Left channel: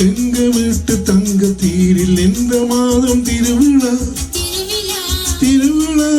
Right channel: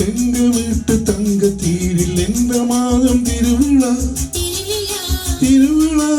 எங்க வீட்டு தங்க தீரில் எந்த மாதம் திருவிழா திருவிழா திருவிழா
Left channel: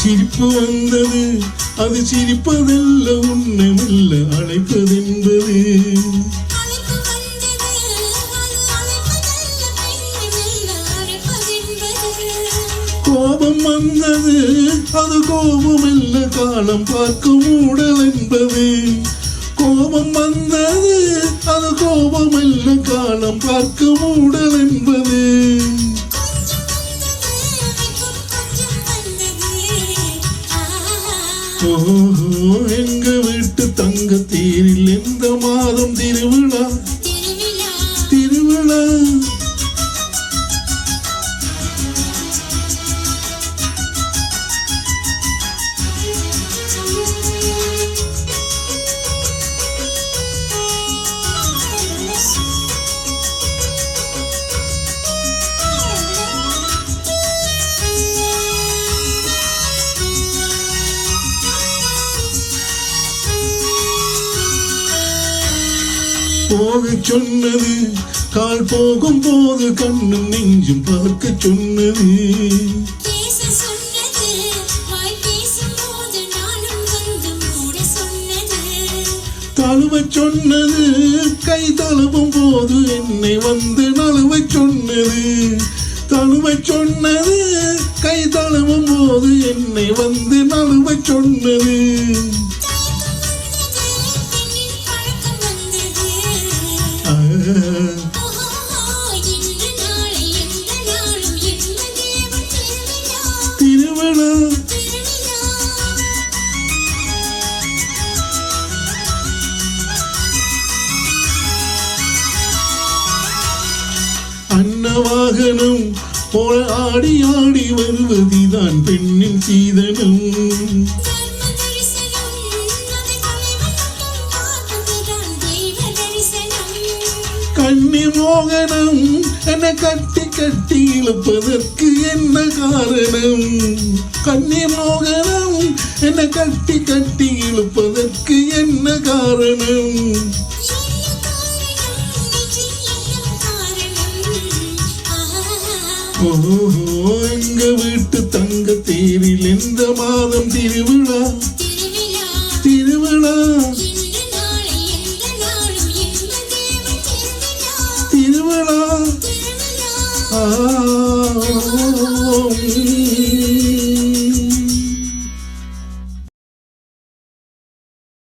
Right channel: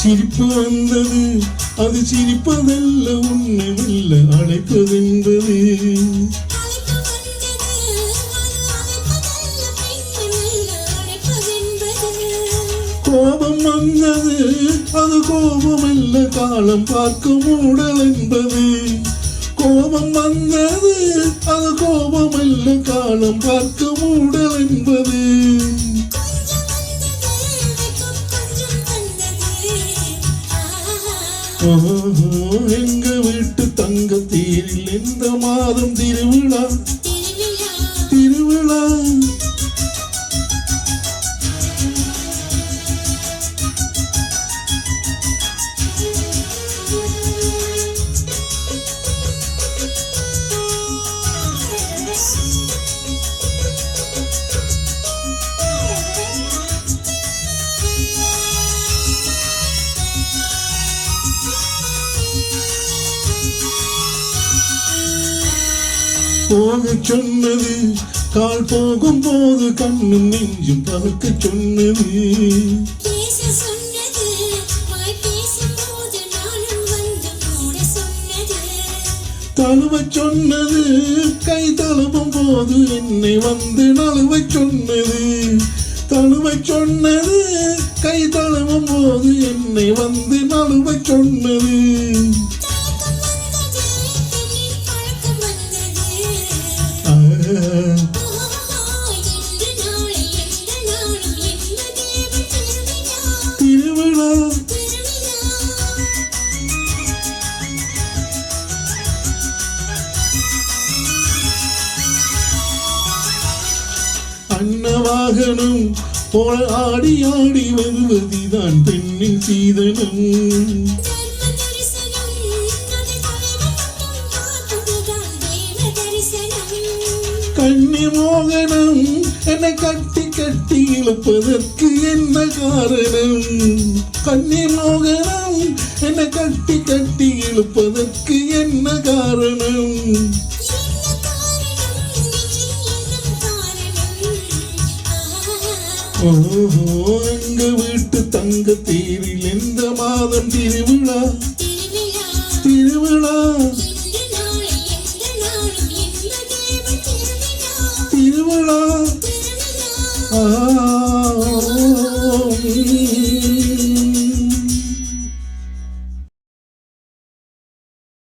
சிரிப்பு வந்தது அது சிரிப்பதல்ல உன்னை மெல்ல அழைப்பதென்பது கோபம் வந்தது அது கோபமல்ல காலம் பார்க்கும் ஊடல் என்பது கோபம் வந்தது அது கோபமல்ல காலம் பார்க்கும் ஊடல் என்பது எங்க வீட்டு தங்க தீரில் எந்த மாதம் திருவிழா திருவிழா போக சொன்னது கால் போகும் போது கண்ணும் நெஞ்சும் பார்க்க சொன்னது தழுவ சொன்னது கை தழுவும் போது என்னை வந்து நழுவ சொன்னது தழுவ சொன்னது கை தழுவும் போது என்னை வந்து நழுவ சொன்னது திருவிழா அன்னவாகனம் போல ஆடி ஆடி வருவதுதான் பெண்ணின் சீதனம் மோகனம் என கட்டி கட்டி இழுப்பதற்கு என்ன காரணம் கண்ணி மோகனம் என கட்டி கட்டி இழுப்பதற்கு என்ன காரணம் எங்க வீட்டு தங்க தேரில் எந்த மாதம் திருவிழா திருவிழா திருவிழா